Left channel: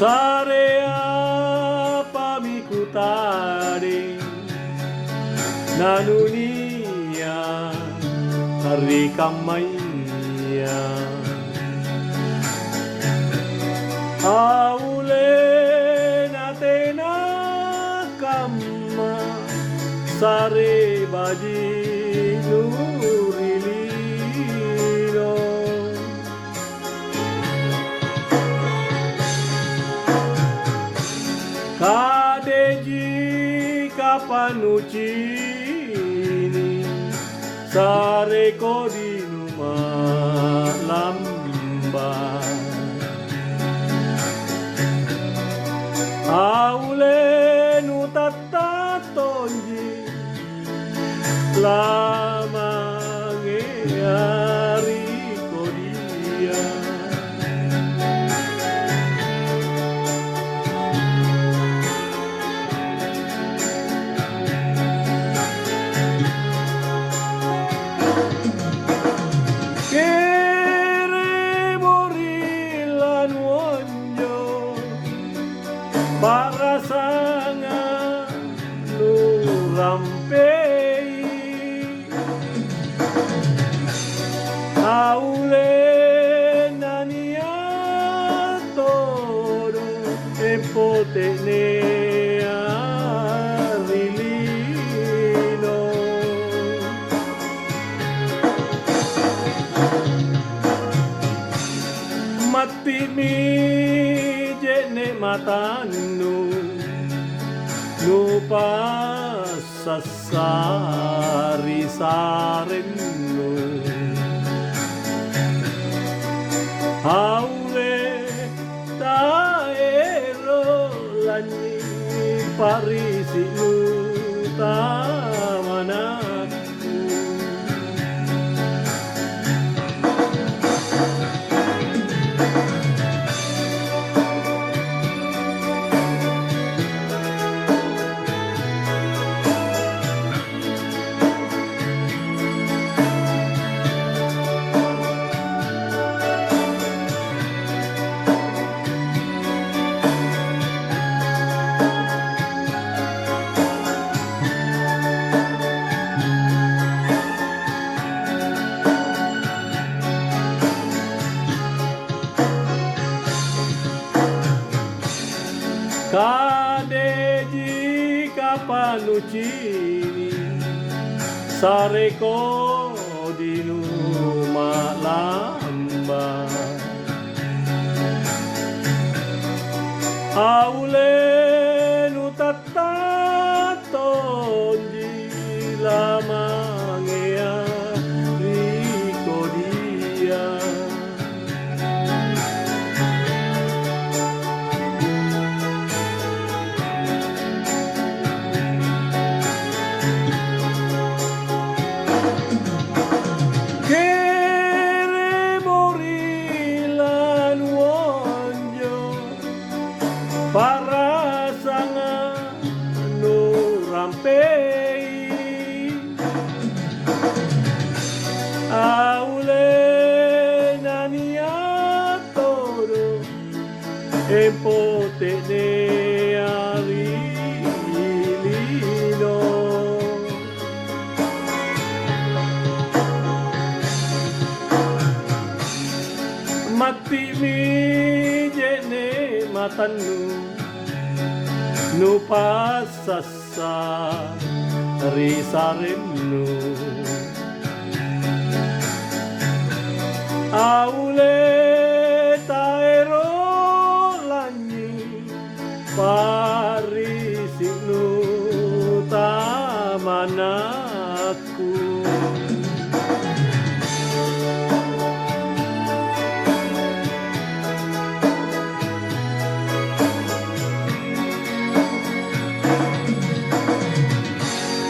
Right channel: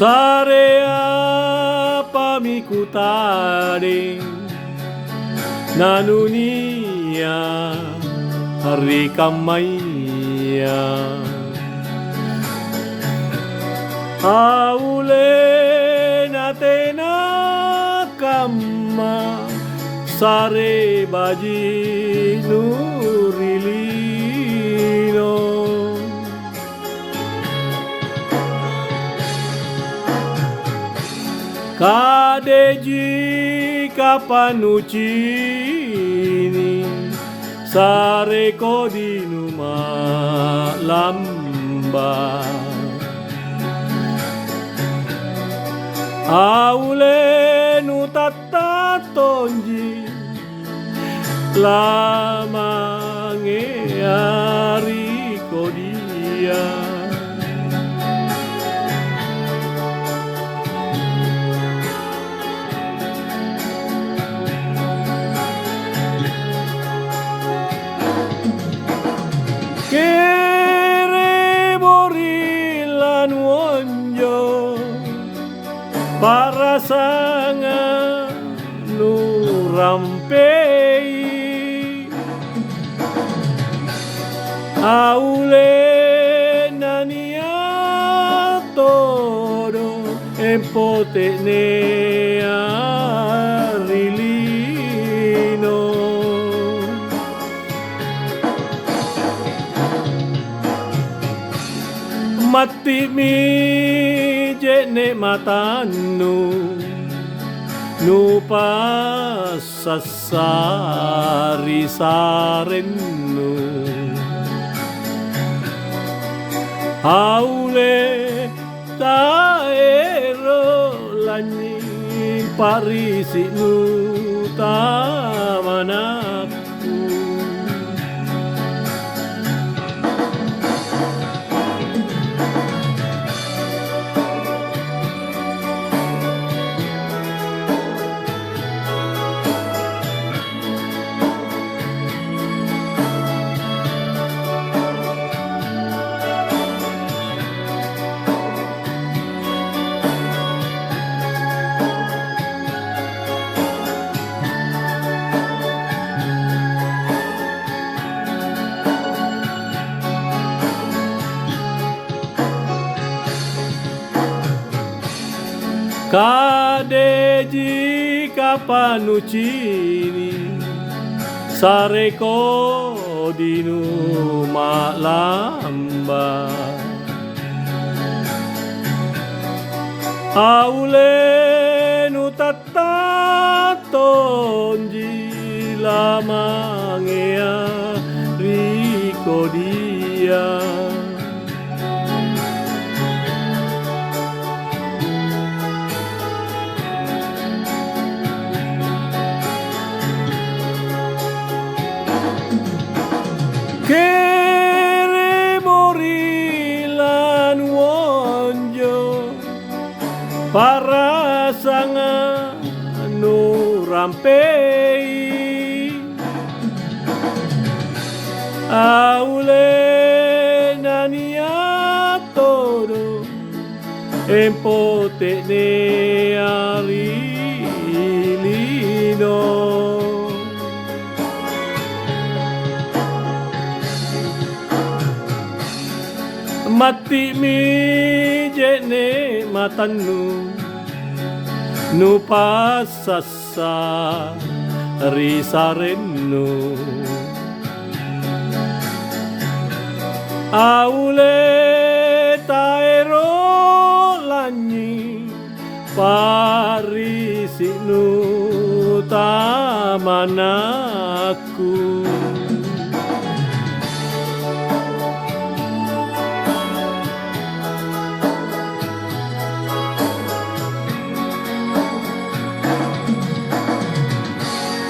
Sarea pamikutare nanunia rikamaya aule natena kamma sare baji nurilino kadeji kapanucini sare kodinuma lamba aule nutatatonji lamange ari kodia para sanga nurampei aule nania todo empotenea rilino mati mi jene matanu nupa sasari sarenu haule taero lani parisi nu tamanaku kadeji kapanucini sareko dinu malamba aule nutatatonji lamangea rikodia para sanga nurampei aule nania todo empotenea rilino mati mi jene matanu nupa sasari sarenu aule